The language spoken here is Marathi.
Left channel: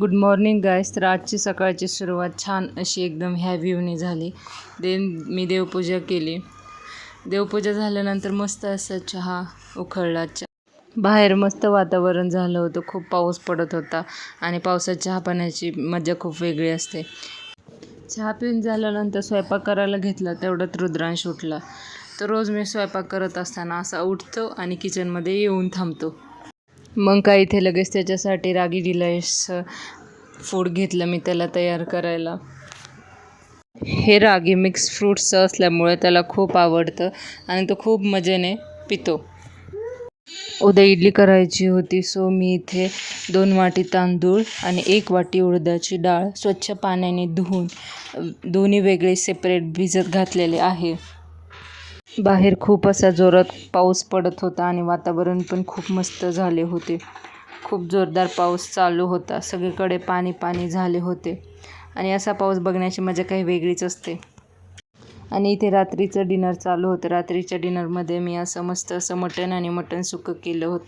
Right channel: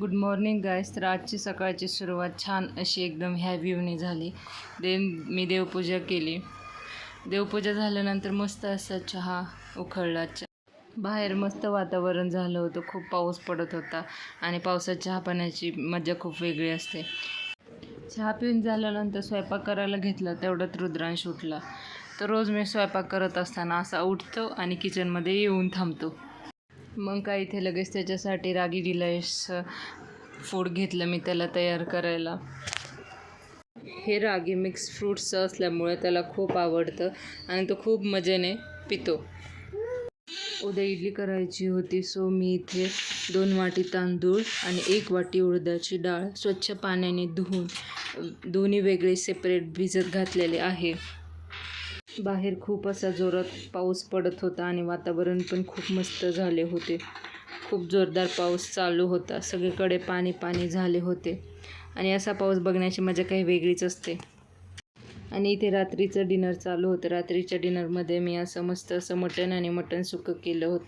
गुड मॉर्निंग गाईस. तर आजची सकाळची सुरुवात छान अशी एकदम ह्या व्ह्यूने झाली. मी देवपूजा केली. देवपूजा झाल्यानंतर मस्त असा चहा उकळला. बाहेर मस्त वातावरण झालं होतं. खूप पाऊस पडत होता आणि पावसात चहा पाण्याची मजा खूप वेगळी असते. चहा पिऊन झाल्यानंतर स्वयंपाक करायला घेतला तेवढ्यात रुद्रांश उठला. तर रोज मी स्वयंपाक करत असताना असा उठतो आणि किचनमध्ये येऊन थांबतो. मग काय इथे लगेच त्याच्यासाठी रागी डिलाईट्स फूड घेतलं मी त्याला तयार करायला. हे रागी मिक्स फ्रूट्सचं असल्यामुळे त्याला खूप आवडतं आणि तो खूप मजेने पितो. उद्या इडली करायची होती, सो मी इथे 2 वाटी तांदूळ आणि 1 वाटी उडदाची डाळ स्वच्छ पाण्याने धुवून दोन्ही वेगळे सेपरेट भिजत घातलेले आहे. बाहेर खूप असा जोरात पाऊस पडत होता आणि वातावरण पण खूप मस्त झाले होते. खूप जोरदार पाऊस चालू होता. सगळीकडे पाणी पाणी झाले होते आणि असा पाऊस बघण्याची मजा काही वेगळीच असते. आणि इथे रात्रीचं डिनर चालू होतं. रात्रीच्या डिनरमध्ये मी असं मस्त असं मटण आणि मटण सुक्कं केलं होतं.